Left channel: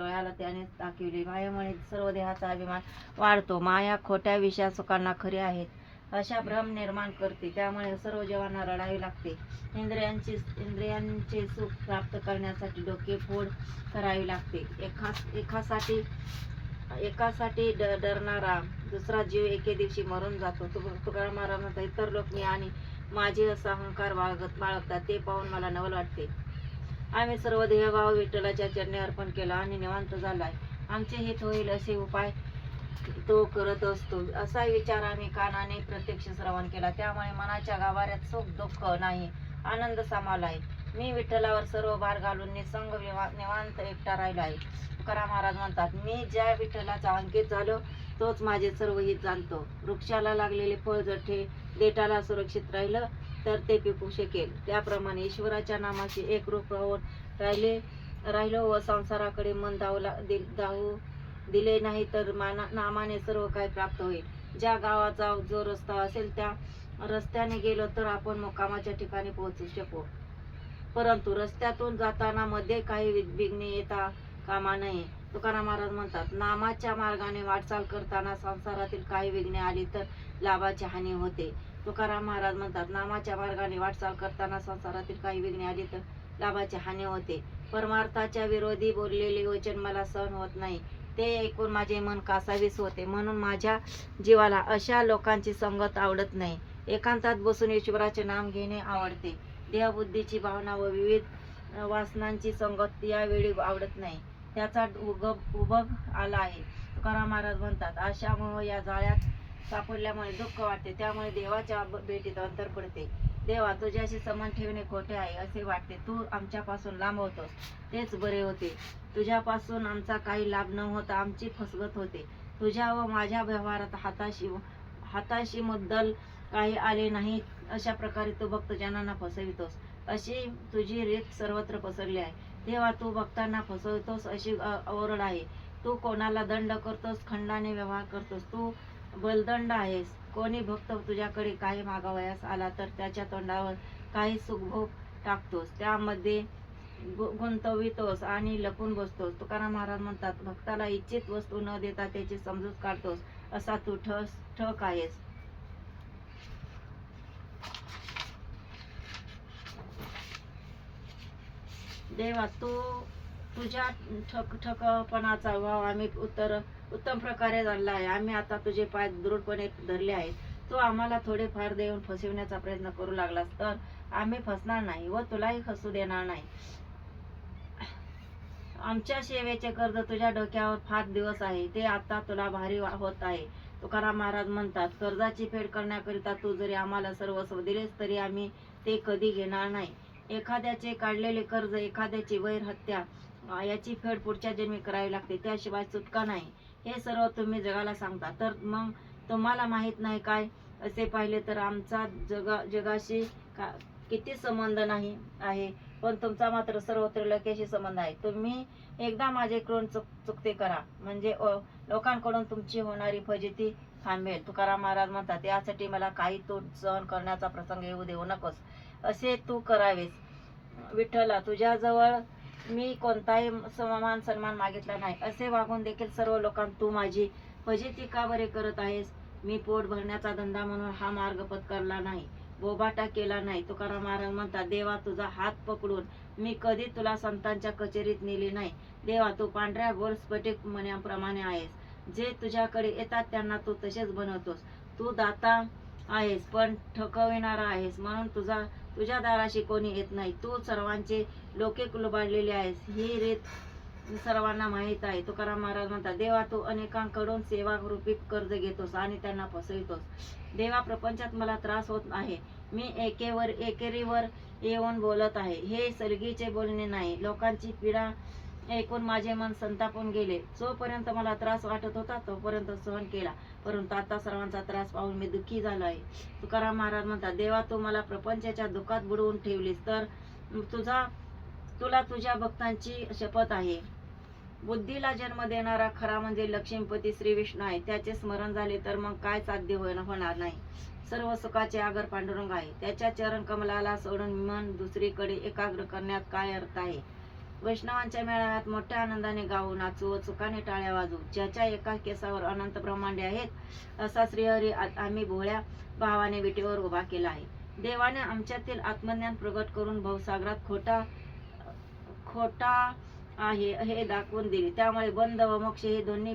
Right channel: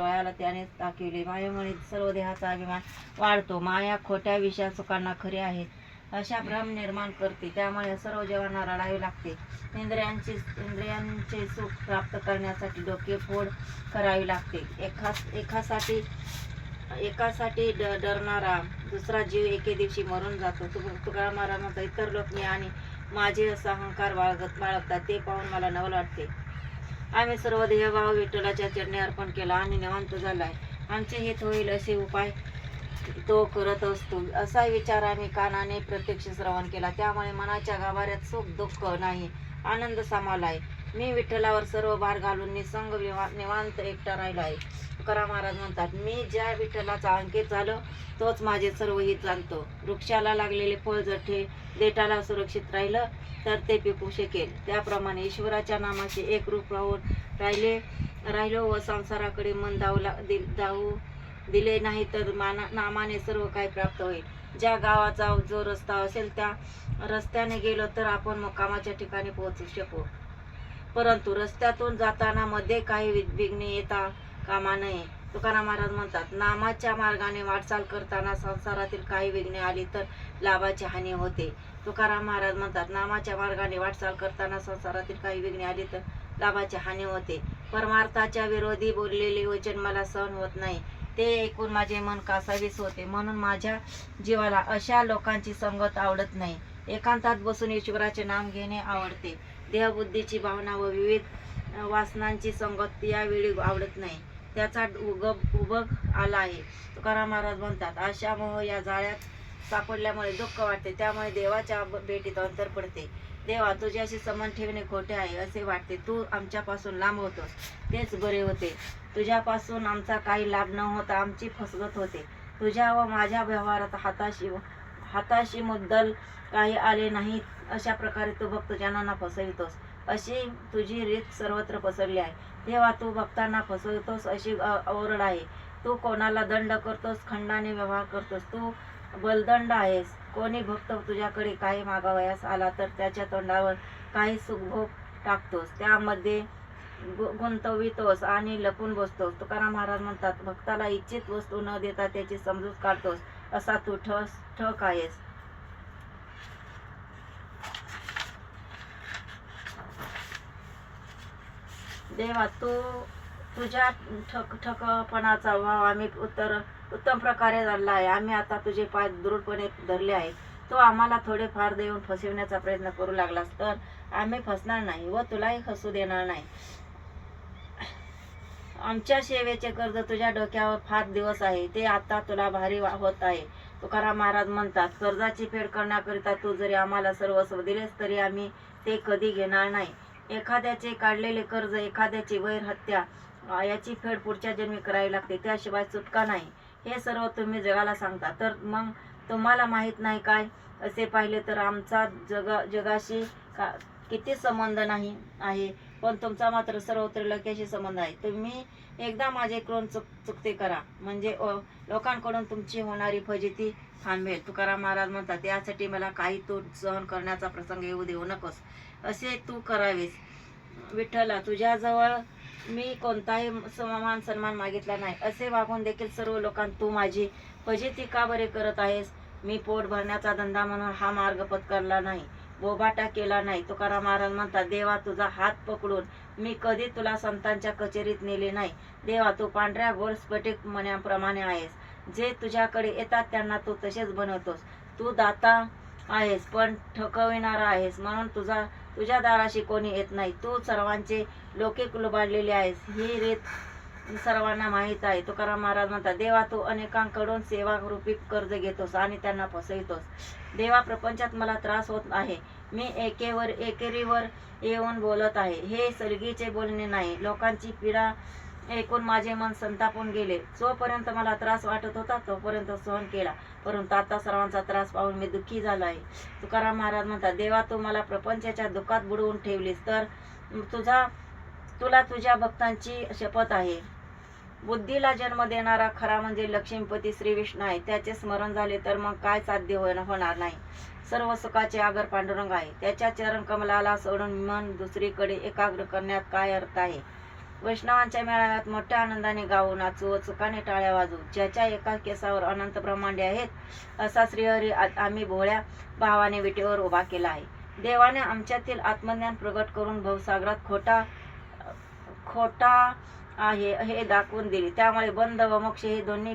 डोळ्याला त्याने दाखविले. मायेमुळे सर्व देहाचा अभिमान वाढतो. माया खोट्या विषया सुखांना खरी आहे अशा भ्रम निर्माण करते. त्यामुळे सर्व जीवांना रडावे लागते. इंद्रियांचे सुख प्राप्त करण्यासाठी डोके फोड करावी लागते. एकासाठी डरणारा दुसरा जीव एके दिवशी मरून जातो. तुकाराम महाराज म्हणतात, इतर लोक मी आणि माझे असा अहंकार बाळगतात ते पाहून मला नवल वाटते. आम्ही सर्व देहभाव विठ्ठलाच्या चरणी अर्पण केला आणि निवांत झालाय. आमचे हित होईल असे उपाय तो करत असतो असा विचार आम्ही कानाने प्रत्यक्ष श्रवण केला. त्यामुळे मनाच्या गाभाऱ्यात सुख दुःख नाही, आनंद सामालाय. मी विठ्ठलावर सर्व भार घालून निसंग निवांत एकटा राहिला आहे. तुकाराम महाराज म्हणतात, मी ज्या विठ्ठलाचा अंकित झालो तोच माझे सर्व हित जाणतो. वृक्षाला लागलेले फळ जर देठाला सुरक्षित राहिलं तर ते पिकू शकेल. त्याप्रमाणे ईश्वराच्या नामाशी एकरूप राहून राहिलो व संसाराकडे मन धावू दिले नाही तर नामाने सर्व काही प्राप्त होईल. ज्या गावाचा जो रस्ता असेल त्या रस्त्याने गेलो तर आपण मुक्कामाच्या ठिकाणी पोहोचू शकू. परंतु रस्त्यातून जाताना मध्ये काही विघ्ने येता कामा नये. तुकाराम महाराज म्हणतात, नामाच्या मार्गाने वाटचाल करताना संसारातील काही विघ्ने आली तर लाभाची हानी होते. तुकाराम महाराज म्हणतात, नामाच्या मार्गाने वाटचाल करताना संसारातील काही विघ्ने आली तर लाभाची हानी होते. परमार्थाच्या विरोधी बोललेले वचन मला सहन होत नाही. ते ऐकून माझे मन कासावीस होते. म्हणून माझ्या जीवाला अशा लोकांची संगत आवडत नाही. एकांतात बसून ईश्वराचे नाम घेणे आवडते. देहबुद्धीची भावना व विविध वासनांची संगत यावेळी आवडत नाही. त्याचा उबग आला आहे. तुकाराम महाराज म्हणतात, आशा मोह या जाळ्यात सापडल्यामुळे दुःख वाटते. त्यामुळे देवाच्या भेटीत अंतर पडते. देवा, तुझ्याशी संबंध ठेवणे खोटे आहे असे वाटते. तू आमच्यापासून लांब होतोस तेच बरे होते. तुझ्यापासून आमचा काही लाभ न होता आमची फसगत होते. तुझ्या व माझ्या व्यवहारात हाताशी मुद्दल काही आले नाही अशा प्रकारे तू भक्तजनांना फसवितोस. अशी तुझी रीत सर्वत्र पसरली आहे. तेव्हा तू भक्तांना फसवतोस अशी ओरड आहे. तू कोणाला दंड करतोस, खंडाने व्यवहार करतोस. तू बलदंड आहेस. कोणी भक्त तुझ्याकडे काही मागावयास आला तर त्याच्या तोंडावर काही सुखभोग टाकतोस, त्यामध्ये गुंतवितोस आणि लपून बसतोस. तुकाराम महाराज म्हणतात, भक्ताला इच्छित वस्तू न देता त्याची समजूत काढतोस असा तू ठक आहेस. देवा, तुझ्या ठकपणाचा भाव आम्ही उत्तम प्रकारे धरला आहे. आम्ही आता तुझे पाय दृढपणे धरले आहेत. तू आम्हाला थोडे फार देऊन फसविण्याचा प्रयत्न करू लागलास तर आम्ही फसणार नाही व तुलाही फसू देणार नाही. आमच्या सेवेचे कर्ज तुझ्या डोक्यावर फार दिवस आहे, ते आता तुला भारी होत आहे. तुकाराम महाराज म्हणतात, कर्जाची फेड करण्याकरिता तू जरी आम्हाला सर्वस्व दिलेस तरी आम्ही ते कधी घेणार नाही. एखाद्याचे काढलेले कर्ज, एखाद्याची वैर हत्या याची फेड पुढच्या जन्मी करावी लागते, त्याशिवाय सुटका नाही. हे सर्व तुम्ही जगाला सांगता, तर मग तुम्हाला माहीत नाही काय? असे पाहिले तर आमचा जगाशी किती संबंध नाही आहे, पण तुमचा मात्र सर्वत्र लोकांशी संबंध आहे. तुम्ही एकदा माझे करून चुकते करा, म्हणजे लोकांकडून तुमची होणारी फजिती थांबेल. तुकाराम महाराज म्हणतात, यासाठी मला काही तोट सहन करण्याचा प्रसंग येऊ देऊ नकोस. असे तू करावेस. विठ्ठला, तुझ्याजवळ मी कोणताही सन्मान मागितला नाही. असे वागून देखील सर्व लोकांना तू माझी फजिती का बरे करत आहेस? मी पोट भरण्याचा धंदा म्हणून हा मार्ग पत्करला नाही, बोबाटा केला नाही. तुकाराम महाराज म्हणतात, देवा, तुझा हात पकडून मी कधी तुला संतांच्या कचेरीत नेले नाही. देवा, तू पांढऱ्या गोल स्फटिक मण्याप्रमाणे आहेस. जे तुझ्याकडे येतात त्यांना तू तसेच बनवतोस. तू दाता आहेस पण ठकविणारा आहेस, म्हणून तुझ्या दाराशी कोणी येत नाही. तू सर्वांचे लौकिक लुबाडलेले आहेस, ही रीत सर्वांना माहीत आहे. तुकाराम महाराज म्हणतात, देवा, तू अनेकांकडून सेवा रूपी कर्ज घेतोस आणि त्यांना फसवितोस. देवा, प्रपंचात मला त्रास होत आहे. मी एकेरीवर येऊन बोलत आहे. हे सलगीचे बोलणे नाही. लोकांची पीडा ऐकून माझे मन संतापून गेले. जोपर्यंत मला त्रास वाटत होता तोपर्यंत सहन केला, परंतु आता सर्वांचा त्रास पाहून मी दुःखी झालो आहे. तुकाराम महाराज म्हणतात, देवा, तू मला प्रपंचाच्या दुःखात बुडवून ठेवलीस तर तुला तुझ्या भक्तांची शपथ आहे. बुद्धीला जन्म देणारा खरा म्हणजे लक्ष्मीपती श्री विष्णू आहे. त्याचे स्मरण झाले तर मग काय साध्य होणार नाही. सर्व सुखाचे आगर पांडुरंग आहे. त्याच्या चरण कमलाला सोडून मन दुसरीकडे एकाग्र करण्यात काय अर्थ आहे? वैष्णवांच्या मेळाव्यात मोठ्या आनंदाने गाऊ, नाचू व चुकाने टाळ्या वाजवू. ज्याच्या एका केसावर अनंत ब्रह्मांडे आहेत असा श्रीहरी आम्ही भोळ्या भावाने विटेवर उभा केला आहे. देवाने आमच्यातील आत्मज्ञान प्रगट करून भवसागरात खोटा आहे हे दाखवून दिले. त्यामुळे बंध व मोक्ष हे दोन्ही